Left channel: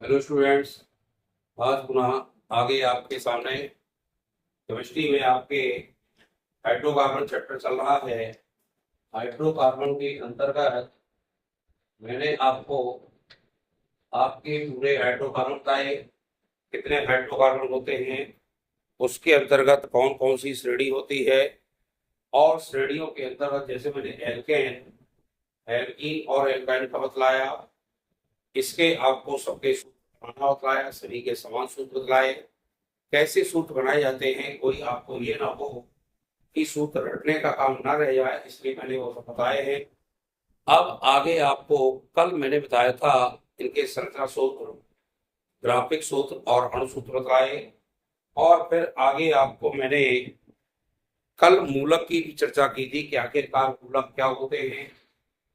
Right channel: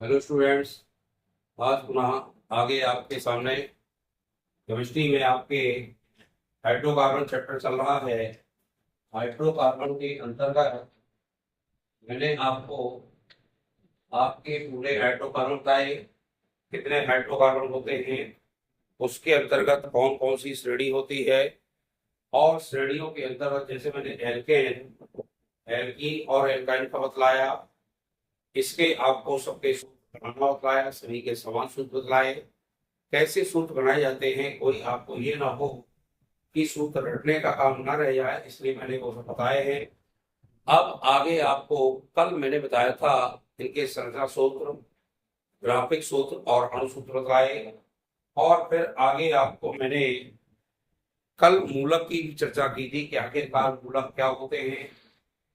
Hello students. आज पुनः आगे आपके सामने केमिस्ट्री में आपके हाइड्रोकार्बन चैप्टर चल रहा है। हाइड्रोकार्बन के अंतर्गत मैंने आपको आपके पूरे हाइड्रोकार्बन बताए, कितने हाइड्रोकार्बन होते हैं, उसके अंतर्गत कौन कौन सी श्रेणी होती है, और श्रेणियों के अंतर्गत जैसे मैंने एल्केन, एल्कीन और एल्काइन का बतलाया। इसके आपको सबके सूत्र बनाना बतलाया, सभी के समान सूत्र बतलाए। कैसे सूत्र बनाए जाते हैं, कोई आपको ये ना हो कि सूत्र रटने का काम ना रह जाए, इसलिए मैंने वो सब बताए हैं। अब आगे आपको कल मैंने बताया था इनके संख्या सूत्र, ग्राफिक सूत्र और अणु सूत्र बताए। और फिर आगे आपको मैंने कल मूलक की भी चर्चा की थी कि आखिरकार मूलक क्या होते हैं।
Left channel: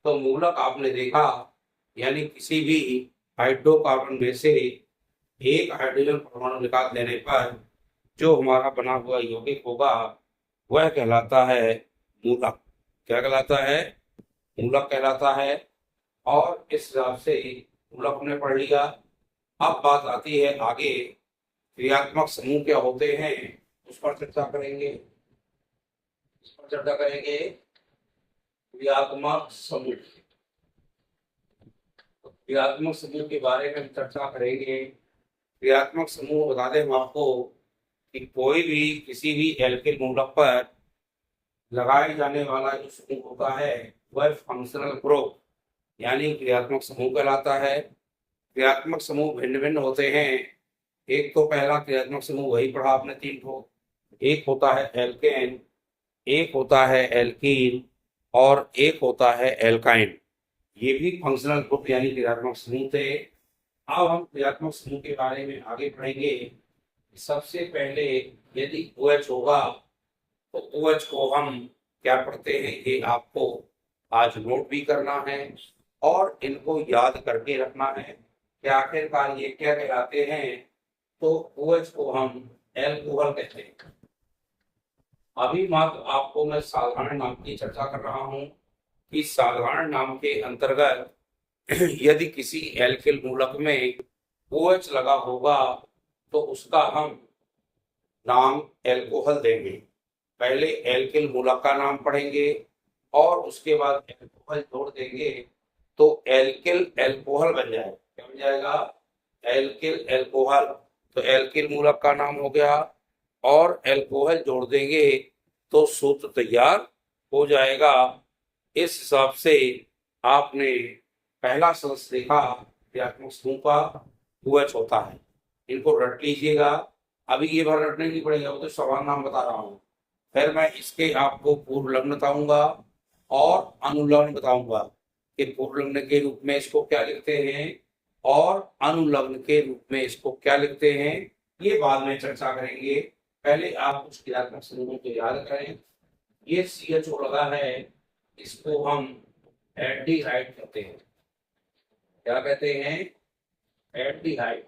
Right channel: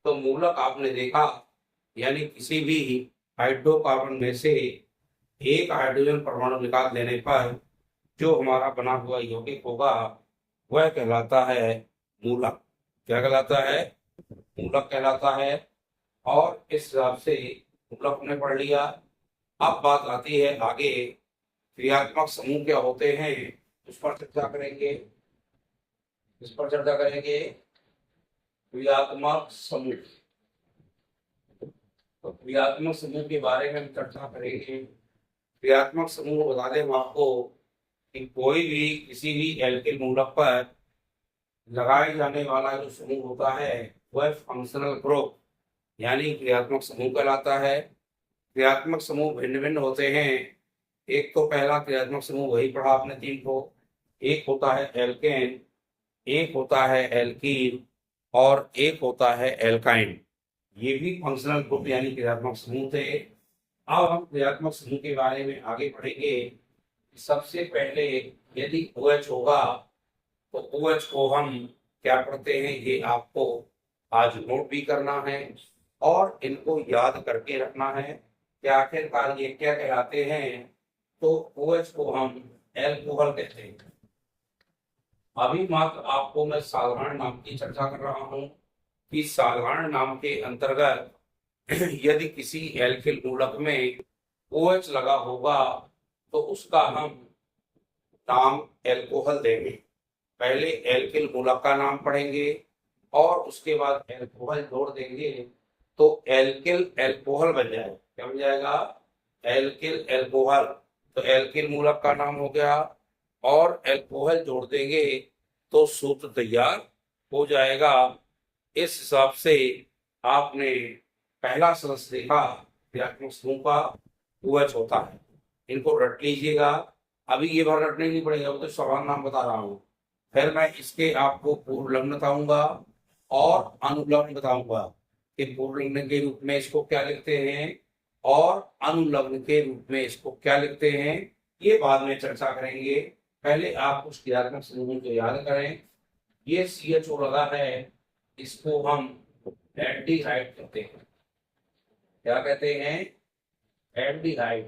तो मूलक आपने देखा, यानी किसी भी हाइड्रोकार्बन में से एक हाइड्रोजन परमाणु निकाल देने पर जो हमारा बना हुआ यौगिक होगा वह कहलाता है मूलक। क्या कहलाता है? मूलक कहलाता है। और इस हिसाब से मूलक ने पढ़ लिया। अब बात आती है आगे, क्रियात्मक समूह क्या होते हैं, उस पर चर्चा करेंगे। इस पर चर्चा करेंगे, क्रियात्मक समूह। तो क्रियात्मक समूह के बारे में हम चर्चा करेंगे। क्रियात्मक समूह बता दें हम आपको कि कोई भी किसी भी एल्किल मूलक पर लगाए जाने वाला जो समूह होता है वह फंक्शनल ग्रुप यानी क्रियात्मक समूह कहलाता है। क्रियात्मक समूह भिन्न भिन्न होते हैं। एक तो पहला क्रियात्मक समूह वही पढ़ा आपने तीन को, एक होता है एल्केन, एक होता है एल्कीन और एक होता है एल्काइन। ये भी फंक्शनल ग्रुप यानी क्रियात्मक समूह थे। अब हम क्रियात्मक समूह के बारे में आगे पढ़ेंगे। सबसे पहले यदि OH होगा तो OH को हम क्या पढ़ते हैं ये आपको आज नोट भी करना है और इनको याद करके रखना है कि आखिरकार ये क्या कहलाते हैं। तो OH को हम एल्कोहल कहते हैं। अभी मात्र आपको मैं साधारण नाम की चर्चा कर रहा हूं कि साधारण नाम के अंतर्गत यदि किसी एल्किल मूलक में OH लगा होगा तो उसका हम नाम एल्कोहल देंगे। पहले एल्किल मूलक का नाम पढ़ेंगे और उसके बाद एल्कोहल जोड़ देंगे तो एल्किल एल्कोहल बन जाएगा। क्या बन जाएगा? Alkyl alcohol. तो एल्किल मूलक का नाम हो गया और एल्कोहल जोड़ देंगे तो सूत्र तैयार हो जाएगा। इस हिसाब से आपने पहला सदस्य देखा क्रियात्मक समूह का, OH होता है। इनको रट लीजिएगा। अभी ये बार रटने नहीं पड़ेगा, वो तो सवाल नाम बता रहा हूँ। फिर मैं इसके आपको पूर्व लग्न बताऊंगा और अनुलग्न बताऊंगा कि पूर्व लग्न के रूप में इसको क्या लिखते हैं और अनुलग्न के रूप में इसको क्या लिखते हैं, ये बाद में चर्चा करेंगे। पहले आप कुछ क्रियात्मक समूहों को याद करें। ये CHO लगा है, इसको हम एल्डिहाइड कहते हैं। क्या कहते हैं? एल्डिहाइड।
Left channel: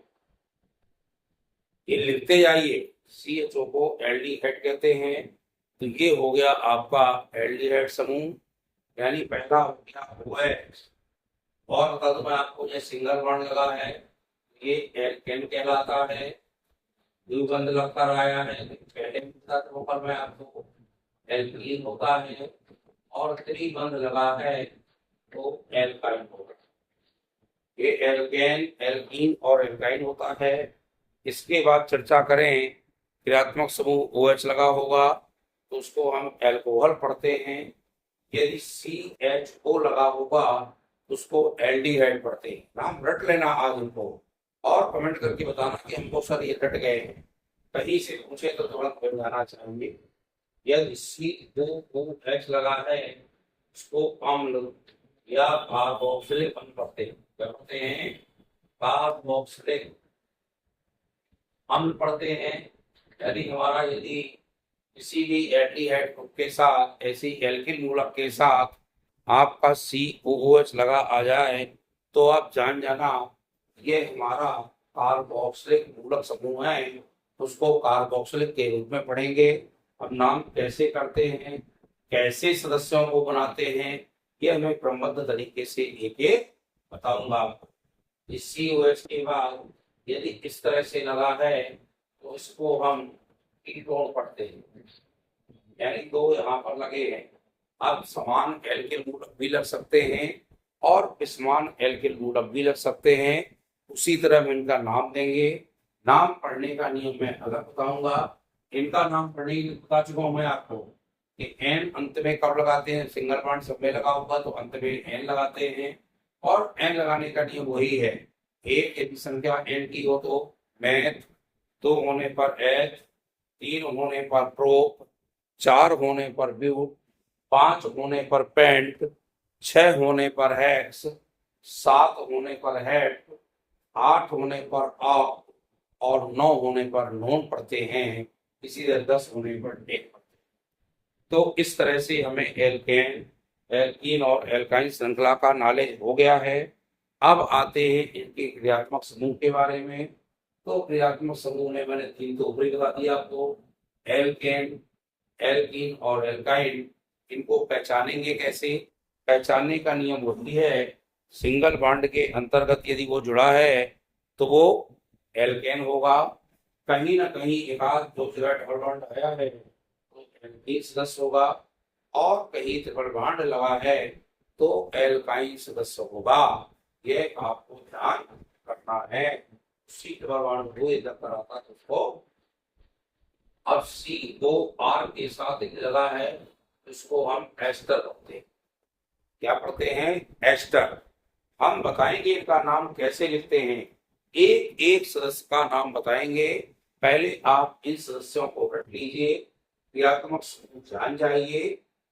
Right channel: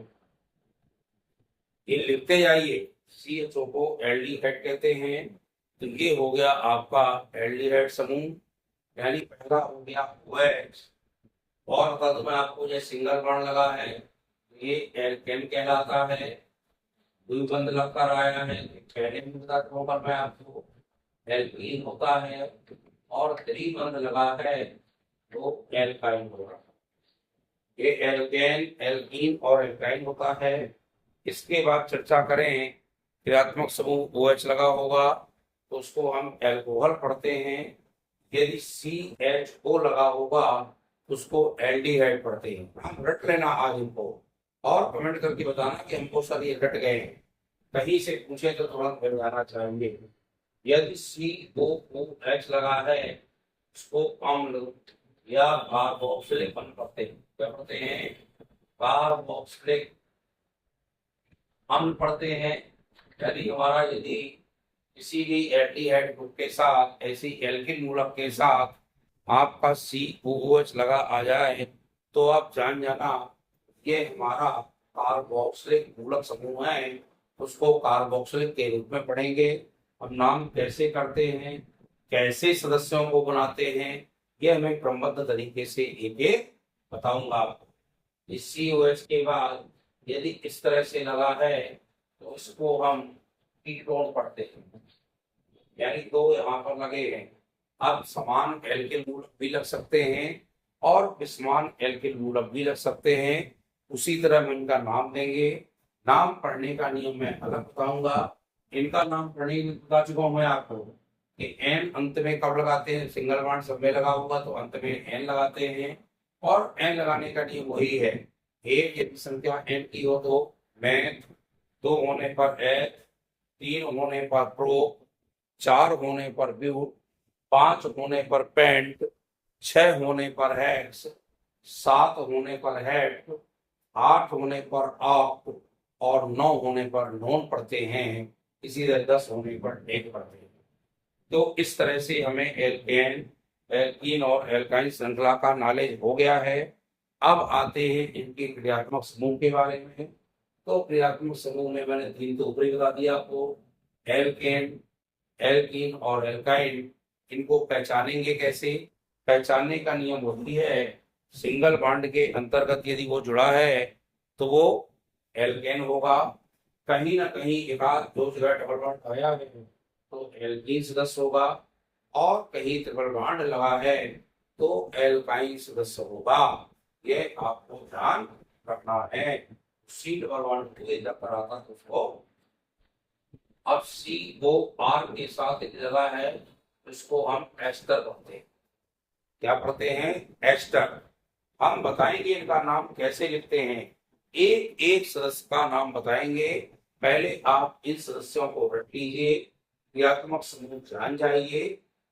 ये लिखते जाइए, CHO को एल्डिहाइड कहते हैं। तो ये हो गया आपका एल्डिहाइड समूह, यानी पहला हो गया OH। और बता दो मैं आपको, जो सिंगल बॉन्ड लगा है ये एल्केन कहलाता है। द्विबंध लगकर आया है, पहले भी बता दूं पर मैं आपको, एल्कीन होता है। और त्रिबंध लगा है तो एल्काइन होगा। ये एल्केन, एल्कीन और एल्काइन होता है। इसके बाद चर्चा करें, क्रियात्मक समूह OH लगा होगा तो उसको हम एल्कोहल पढ़ते हैं। यदि CHO लगा होगा तो उसको एल्डिहाइड पढ़ते हैं। नाम रट लेना आज उनको और कमेंट करके बताना कि हमको सर ये रट गए हैं। कहीं से पूछे तो तुरंत बन जाना चाहिए। यदि COOH लगा है उसको अम्ल या कार्बोक्सिलिक अम्ल पढ़ते हैं। क्या पढ़ते हैं? कार्बोक्सिलिक अम्ल पढ़ते हैं। यदि किसी भी एल्डिहाइड ग्रुप के साथ, ऐसी एल्किल मूलक के साथ आपका COOH लगा आ जाए तो आप जान जाना ये हमारा कार्बोक्सिलिक मूलक समूह है। उसको कार्बोक्सिलिक के रूप में पढ़ेंगे। अब नाम कैसे करते हैं, कैसे सदस्यों को बनाते हैं, ये मैं क्रमबद्ध तरीके से एक एक बताऊंगा आपको। इस COH के बाद यदि इस तरह से लगा है तो इसको हम कीटोन पढ़ते हैं, यानी दो यहाँ पर लगे हैं। अब समान एल्किल मूलक भी लग सकते हैं और विसमान एल्किल मूलक भी लग सकते हैं। उसी तरह हम इनका नाम देंगे। नाम पढ़ने का नियम मैं अलग बताऊंगा। इनका नाम पढ़ने बता चुका हूं मैं आपको कि एन अंत में कब लगाते हैं, सिंगल बॉन्ड सब में लगा होगा तो अंत में एन लगाते हैं। और एन लगाने का नियम वही है, एक यदि संख्या एन की हो तो मैथ, दो होने पर एच, तीन होने पर प्रोप, चार होने पर ब्यूट, पांच होने पर पेंट, छह होने पर हेक्स, सात होने पर हेट, आठ होने पर आप और नौ होने पर नॉन पढ़ते हैं। इसी तरह 10 होने पर डेक पढ़ते हैं। तो इस तरह से हमें एल्केन, एल्कीन और एल्काइन श्रृंखला का नॉलेज हो गया है। अब आते हैं इनके क्रियात्मक समूह के बारे में। तो क्रियात्मक समूह में मैंने तीन तो ऊपर ही बता दिया आपको, एल्केन, एल्कीन और एल्काइन। इनको पहचानेंगे कैसे? पहचानने का नियम होती है, सिंगल बॉन्ड के अंतर्गत यदि वो जुड़ा है तो वो एल्केन होगा। कहीं ना कहीं एक आध दो जगह डबल बॉन्ड आया है तो एल्कीन सदस्य होगा, और कहीं ट्रिपल बॉन्ड लगा है तो एल्काइन सदस्य होगा। ये आपको ध्यान रखना है। सी डबल बॉन्ड को इधर पर आता तो उसको, अब C2R के साथ एक जगह है, इसको हम एस्टर कहते हैं। क्या पढ़ते हैं? एस्टर। हम बताएंगे इनका नाम कैसे लिखते हैं, एक एक सदस्य का नाम बताएंगे। पहले आप इन सदस्यों को रट लीजिए, क्रियात्मक समूह जान जाइए,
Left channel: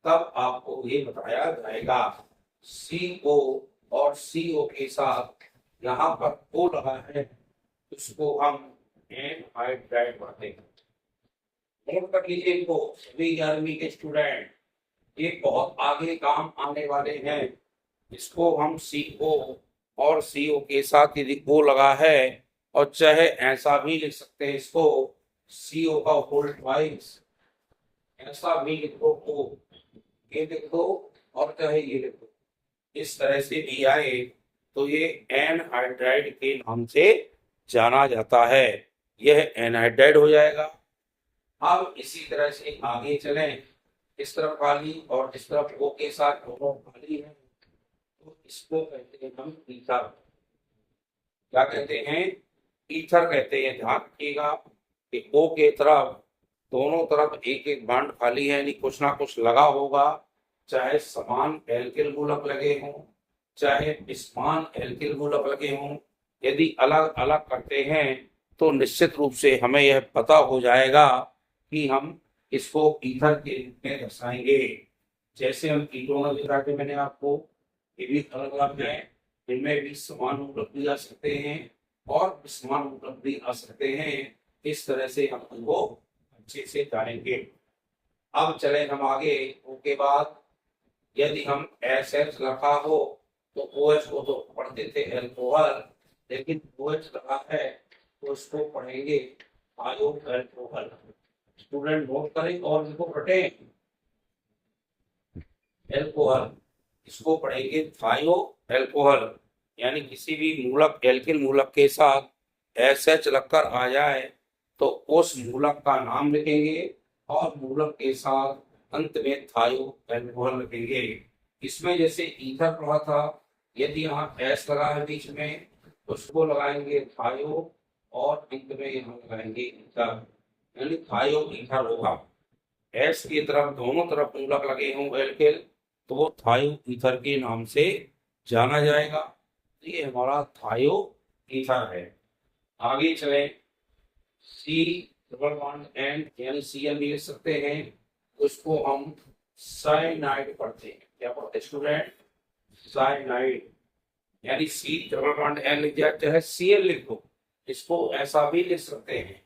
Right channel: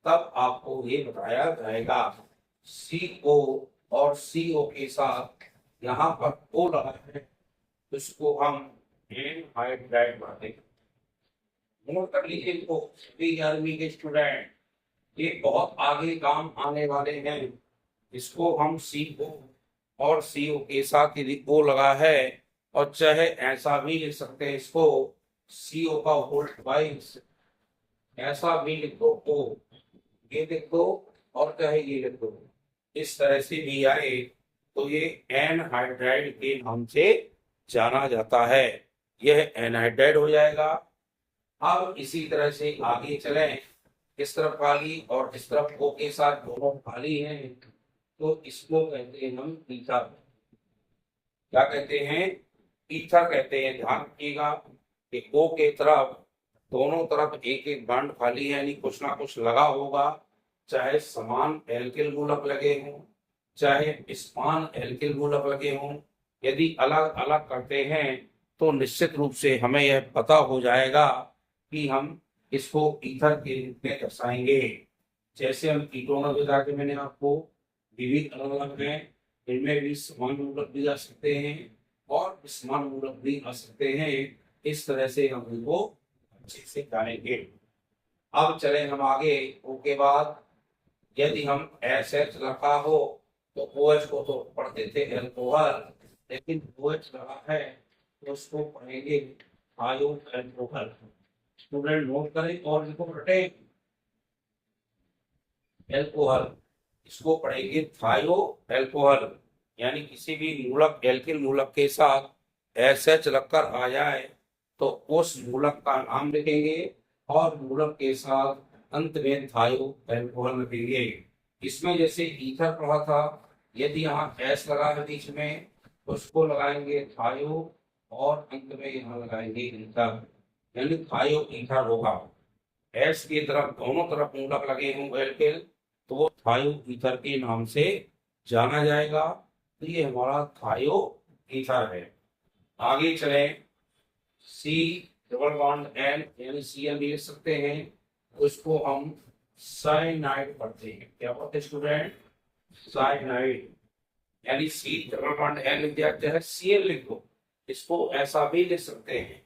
तब आपको ये बताया जाएगा। CO और CO के साथ यहाँ पर O लगा है, इसको हम एनहाइड्राइड कहते हैं। नोट कर लीजिए इनको सभी 11वीं के स्टूडेंट, ये बहुत आगे काम आने वाले हैं। इसको हम CO और CO के साथ यदि O लगा है, और चाहे ऐसा भी लिख सकते हैं इसको, CO का होल ट्वाइस, ऐसा भी लिख दो O, ये लिख दो और चाहे ये लिख दो, इस तरह से भी आए तो ये एनहाइड्राइड के नाम से जाना जाता है। यह एनहाइड्राइड हो जाएगा। अब इसी तरह से आगे चलें, इस तरफ खाली और इस तरफ O के साथ दोनों खाली हैं, तो इसको कहते हैं हम ईथर। क्या कहते हैं? ईथर कहते हैं। ध्यान रखिएगा कि O के तरफ दोनों तरफ एक एक बॉन्ड खाली है, यानी कुछ ना कुछ लगा होगा, चाहे समान एल्किल मूलक लगे हों, चाहे समान एल्किल मूलक लगे हों। यदि अलग अलग करते हैं तो निश्चित रूप से हमें यह पता हो जाएगा कि हम इसको ईथर के रूप में दर्शाएंगे। जैसे हम कीटोन बता के मैंने आपको, विविध अलग अलग हैं, इनमें भी समान मूलक भी आ सकते हैं और विसमान मूलक भी आ सकते हैं। इस तरह से हम उनको अच्छे से जानेंगे। अब चले हम आगे। O के बाद यदि हम SH रखा हो तो OH को तो पढ़ते थे एल्कोहल, लेकिन OH लगा है तो इसको पढ़ेंगे आयो एल्कोहल। स्टूडेंट नोट करें और इसको पढ़े एल्कोहल, इसको पढ़ेंगे थायो एल्कोहल। यानी किसी भी मूलक एल्किल मूलक के साथ SH लगकर आ जाए तो उस मूलक का नाम लिखेंगे और मूलक के साथ अंत में थायो एल्कोहल लिखेंगे। इसमें जैसे ईथर पढ़ा था, यदि यहाँ S लगा है बीच में तो उसको लगाएंगे थायो और अंत में यहाँ लगाएंगे ईथर, यानी थायो ईथर होगा। S की तरफ दोनों तरफ मूलक लगे हों एल्किल तो थायो ईथर के नाम से जाना जाएगा। तो ये हमारा थायो ईथर है। आगे चले, C डबल बॉन्ड N यानी Cl भी लिख सकते हैं, उसको हम साइनाइड पढ़ते हैं। क्या पढ़ते हैं स्टूडेंट? साइनाइड। यानी C डबल बॉन्ड N लिख दिया, चाहे Cl लिख दो, इसको ऐसा भी लिख सकते हैं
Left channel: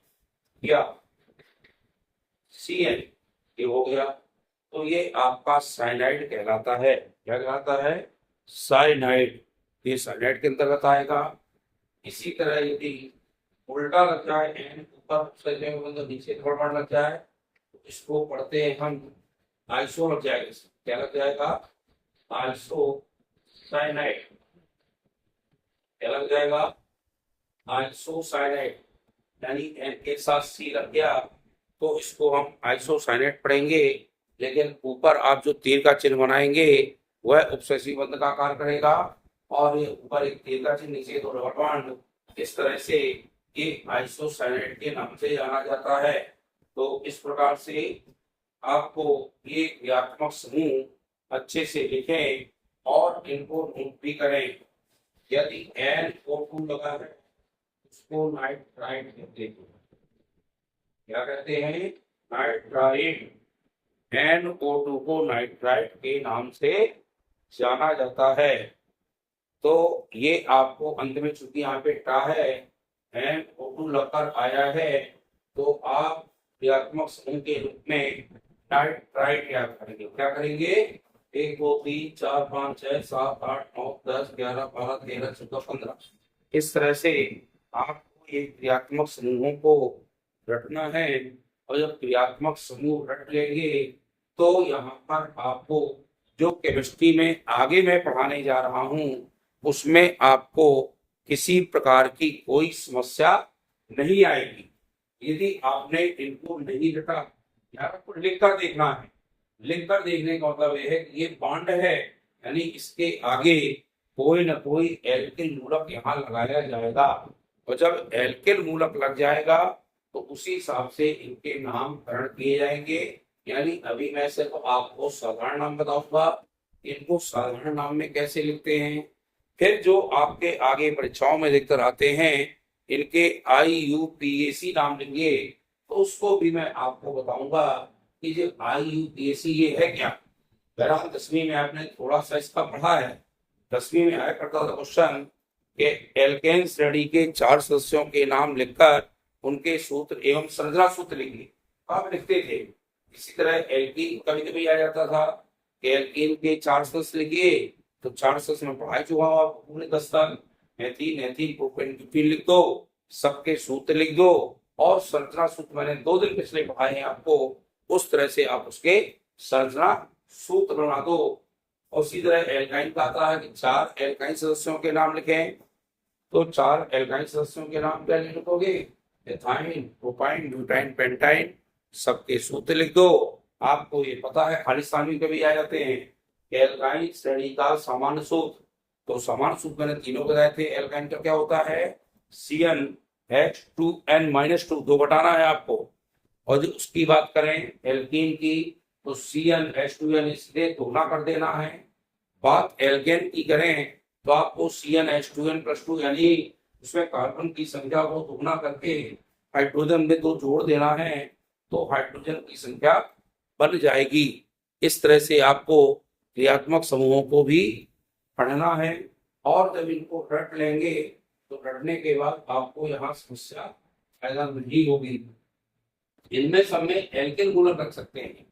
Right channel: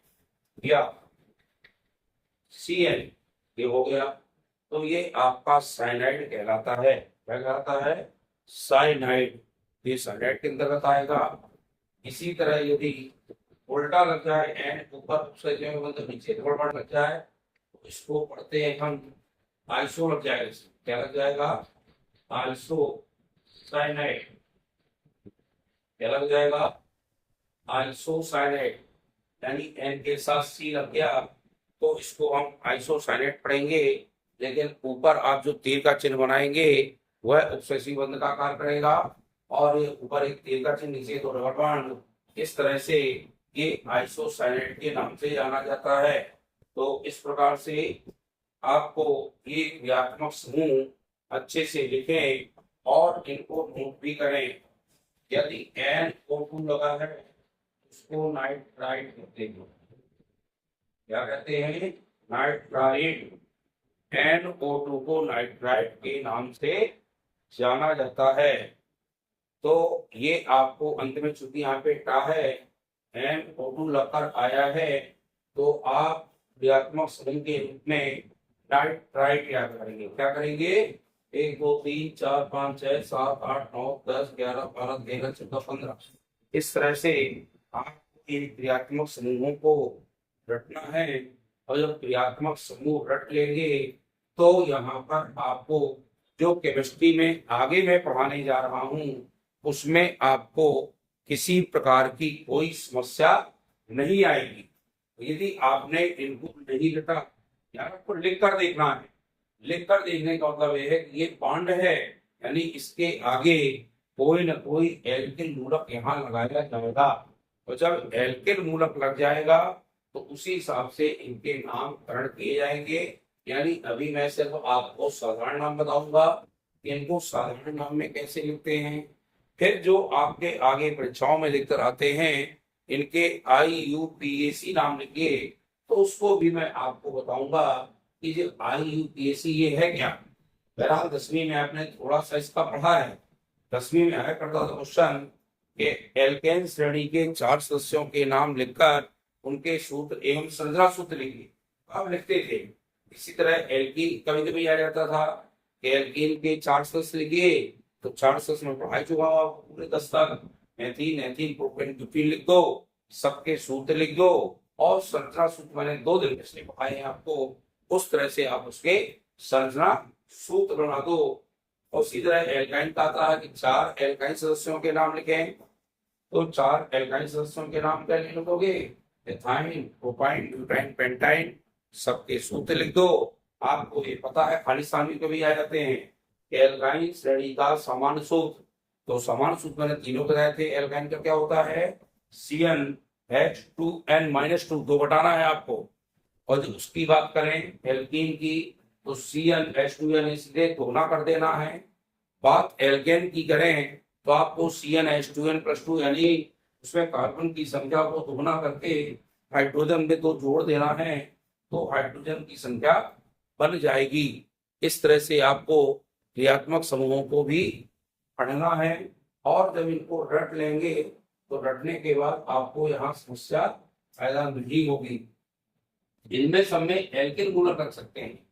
या Cl, ये हो गया। तो ये आपका साइनाइड कहलाता है। क्या कहलाता है? साइनाइड। ये साइनाइड के अंतर्गत आएगा। इसी तरह यदि उल्टा लग जाए, एंड ऊपर मतलब नीचे डबल बॉन्ड लग जाए तो इसको पढ़ते हैं हम आइसो लग जाएगा। क्या लग जाएगा? Iso cyanide. क्या लग जाएगा, आइसोसाइनेट, यानी एन के साथ सी लग गया तो इसको हम आइसोसाइनेट पढ़ेंगे। लेकिन ऊपर आप जो तीर का चिन्ह बनाएंगे वह उपसेसिव बंध का आकार करेगा, और ये ऊपर एक तीर का चिन्ह, नीचे दो डबल बॉन्ड। इस तरह से ये आइसोसाइनेट के नाम से जाना जाता है। तो इस प्रकार से आपको ये क्रियात्मक समूह अच्छे से लिखें और इनको नोट भी करें। यदि NO2 लगा है उसको नाइट्राइट कहते हैं। क्या कहते हैं, नाइट्राइट। NO2 को नाइट्राइट के नाम से जाना जाता है। तो ये आपको अंत में, चूंकि यहाँ पे टा है, NO2 लगकर आया है, तो आप क्रियात्मक समूह के रूप में नाइट्राइट याद करेंगे। क्या करेंगे, 1 2 3 4 5 6 7 8 9 10 11 12 13 14 15, इस तरह से आपको ये क्रियात्मक समूहों को रटना है। और जब क्रियात्मक समूह रट लेंगे तो यहाँ पर आपको जो केमिस्ट्री में आगे मैं पढ़ाने जा रहा हूँ उसमें आपको किसी प्रकार की कोई समस्या नहीं आएगी। यदि आपने इनको नहीं लिखा, यार आपको लिख कर देखना है। लिख कर देखने का मतलब यह है कि ये बॉन्ड है, यानी इसके आगे कोई न कोई एल्किल मूलक यहाँ लगाया जाएगा। और जब एल्किल मूलक लग जाएगा तो उसी हिसाब से इनके नामकरण किए जाएंगे। यानी अभी मैं सिर्फ आपको साधारण नाम बताऊंगा, इनको साधारण नाम में कैसे लिखते हैं। फिर जो आपके आगे परीक्षाओं में लिखकर आते हैं इनके IUPAC नाम लेंगे, तो उसको भी मैं आपको बताऊंगा कि जो IUPAC ये है क्या। बहरहाल 10वीं में आपने थोड़ा सा इसका पढ़ा है। 10वीं में आया करता था क्वेश्चन के एल्केन श्रेणी के 4 सदस्यों के नाम लिखकर उनके सूत्र एवं संरचना सूत्र लिखिए, आप लिखते थे। इसी तरह एल्कीन कभी कभी आ जाता था, एल्कीन के 4 सदस्य लिखिए, तो 4 सदस्य में पढ़ा चुका आपको पूरे 10 तक। मेथिन एथिन प्रोपेन ब्यूटेन लिख दो, सबके सूत्र लिख दो, और संरचना सूत्र मैंने 2 दिन पिछले पढ़ाए हैं आपको, उस तरह से आप उसके संरचना सूत्र बना दो। और इसी तरह एल्काइन का आता है कि 4 एल्काइन सदस्यों के नाम लिखें, तो 4 एल्काइन सदस्यों के नाम क्या लिखोगे, एथाइन प्रोपाइन ब्यूटाइन पेंटाइन, सबके सूत्र लिख दो। आपको ये पता है खालिस्तानी कभी आ जाते हैं, एल्काइन श्रेणी का सामान्य सूत्र, तो सामान्य सूत्र मैंने तीनों बताए थे। एल्काइन का क्या होता है, CnH2n-2, 2 घटाना है आपको। और जो उसकी बात करें एल्कीन की, तो CnH2n सीधे दोगुना कर देना है। बात एल्केन की करें तो आपको CnH2n+2, यानी उसमें कार्बन की संख्या को दोगुना करके हाइड्रोजन में 2 जोड़ देना है, तो हाइड्रोजन की संख्या बन जाएगी। इस तरह से आपको क्रियात्मक समूहों को भी पढ़ना है। और जब इनको रट लेंगे तो रटने के बाद आपको यहाँ समस्या पैदा नहीं होगी। इनमें सब में एल्केन मूलक रख सकते हैं।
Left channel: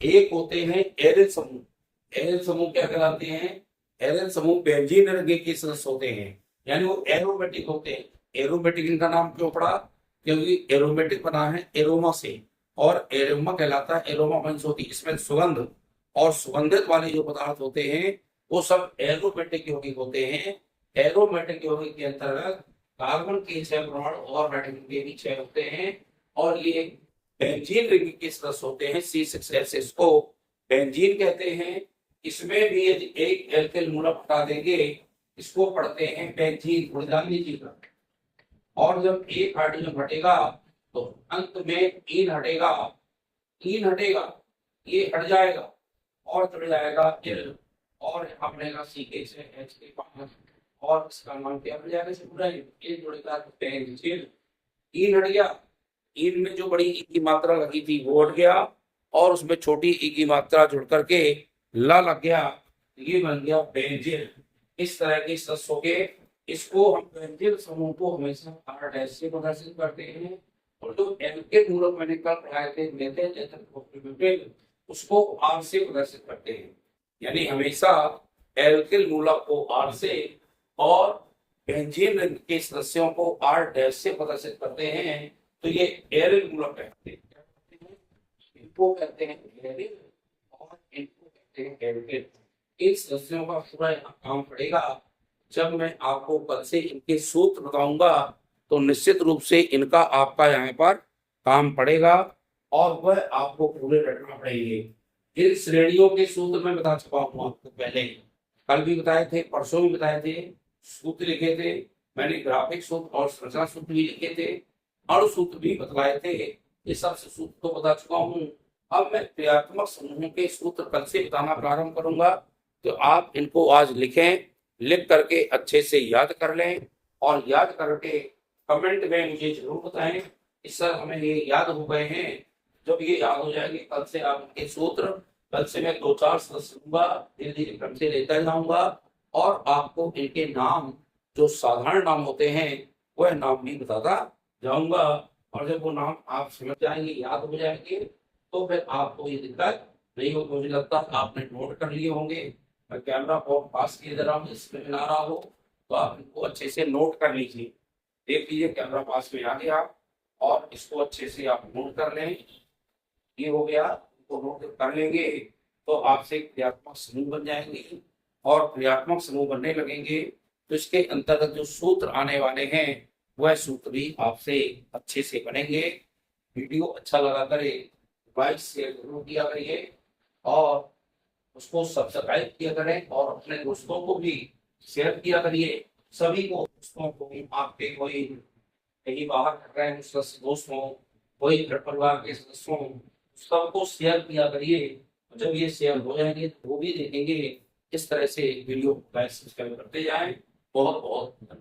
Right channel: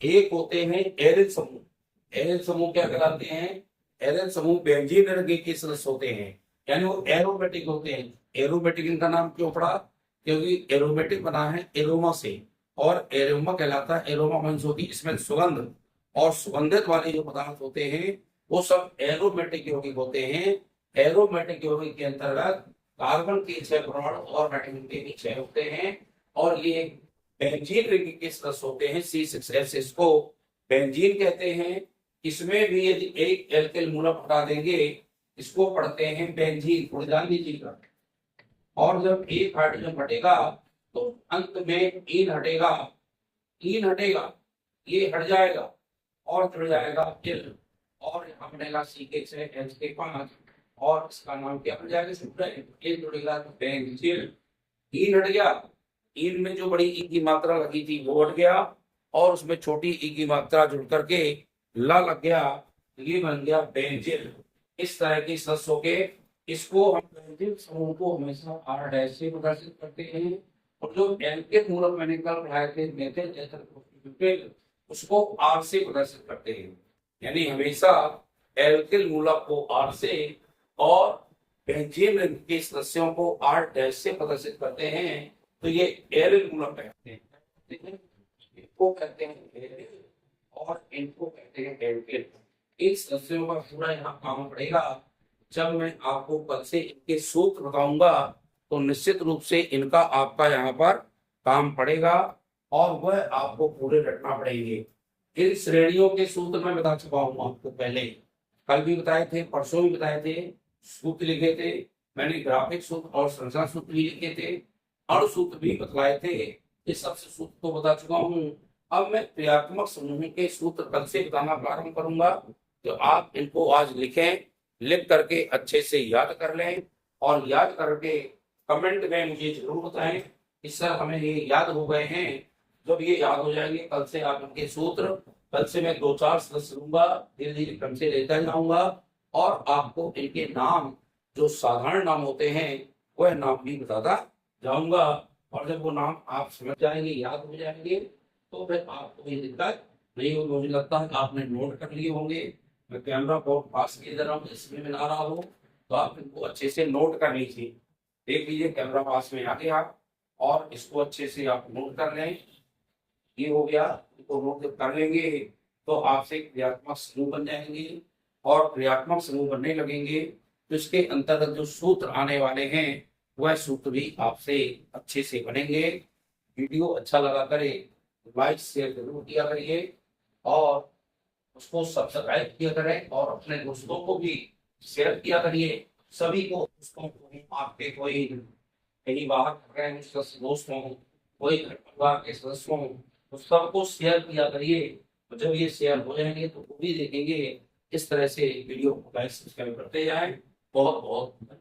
एक होते हैं एरिल समूह। एरिल समूह क्या कहलाते हैं, एरिल समूह बेंजीन वर्ग के सदस्य होते हैं, यानी वो एरोमेटिक होते हैं। एरोमेटिक इनका नाम क्यों पड़ा, क्योंकि एरोमेटिक बना है एरोमा से, और एरोमा कहलाता है, एरोमा मीन्स होती है इसमें सुगंध, और सुगंधित वाले जो पदार्थ होते हैं वो सब एरोमेटिक यौगिक होते हैं। एरोमेटिक यौगिक के अंतर्गत कार्बन के 6 परमाणु और नाइट्रोजन के भी 6 होते हैं, और ये बेंजीन रिंग के सदस्य होते हैं। C6H6 को बेंजीन कहते हैं। इसमें भी यदि एक एल्किल मूलक हटा देंगे, इसको पढ़ते हैं बेंजीन, और ध्यान दीजिएगा। और जब एक हाइड्रोजन हटेगा तो अंत में ईन हटेगा, ईन हटेगा, ये हट जाएगा और चढ़ जाएगा तिल, और यहाँ बनेगा CH5, और इसका नाम क्या बन जाएगा, ये जुड़ेगा तो बेंजीन। ईन हट गया, ईन में जो बड़ी ई की मात्रा लगी थी वो हट गया, और उसमें छोटी ई की मात्रा जुड़ करके ला लग गया, ये बन गया बेंजीन। इस तरह के सदस्य हो गए। इसको हम बेंजीन समूह को हमेशा R' से प्रदर्शित करते हैं, और जो एल्केन मूलक मैंने कल पढ़ाए थे मेथिल एथर प्रोपेन, उसको R से प्रदर्शित करते हैं। यानी हमेशा एल्किल मूलक को R से और बेंजीन रिंग के सदस्यों को R' से प्रदर्शित करते हैं। तो ये एरिल मूलक कहते हैं, इनको कहते हैं एरिल और इनको कहते हैं एल्किल। इन सदस्यों का पूरा यहाँ काम पड़ेगा। जब मैं आपको कल से इनके सूत्र बताऊंगा तो निश्चित रूप से इनका आपका यहाँ पर काम पड़ेगा और वह आपको पूरे रटना पड़ेंगे। इन श्रेणियों के सूत्र मैं बता चुका हूँ आपको, पहले कल भी बताए थे, परसों भी बताए थे, सूत्र लिखे थे मैंने, ग्राफिक सूत्र और संरचना सूत्र भी लिखे थे, अणु सूत्र भी बतलाए थे। ये सब सूत्र तो बता चुका हूँ। अब मैं क्रियात्मक समूहों के सूत्र कल से बताना प्रारंभ करूंगा, तो आप इनको आज लिखें, लिख करके अच्छे से याद कर लें और याद करके कमेंट में मुझे जरूर बताएं कि सर हमें ये याद हो गए हैं। जब ये याद हो जाएंगे कल से आप इनके सूत्र, कल से मैं 2-4 सदस्य लूंगा, धीरे धीरे क्रम से लेता जाऊंगा और आपको इनके नाम जो साधारण नाम होते हैं वह नाम भी बताता जाऊंगा। और जब वो नाम आप समझ जाएंगे, याद हो जाएंगे, तो फिर आपको ये दिक्कत नहीं होगी। मुझे लगता है आपने नोट कर लिए होंगे। मैं कैमरा को पास किए दे रहा हूँ, इसमें मैं ना रहा हो तो आप इनको अच्छे से नोट कर लीजिए। देख लीजिए कैमरा पास में आ गया और इसको अच्छे से आप नोट कर लें। ये हो गया, इसको नोट जब कर लेंगे तो आपसे क्रियात्मक समूह बन जाएंगे और क्रियात्मक समूह बनने लगेंगे तो इसके अंतर्गत जो सूत्र आने वाले हैं वह सूत्र भी आपसे अच्छे से बनेंगे। वीडियो अच्छा लगा करे लाइक शेयर जरूर किया करिए और उसको सब्सक्राइब किया करें और अपने दोस्तों को भी शेयर किया करिए। सभी को, दोस्तों को भी, आपके कोई कहीं बाहर कर रहे हैं दोस्त हों, कोई घर परिवार के सदस्य हों, तो सबको शेयर किया करिए। तो जब ये शेयर हो जाएंगे तो वो भी देखेंगे। इस तरह से वीडियो को लाइक सब्सक्राइब करते जाएं। बहुत बहुत धन्यवाद।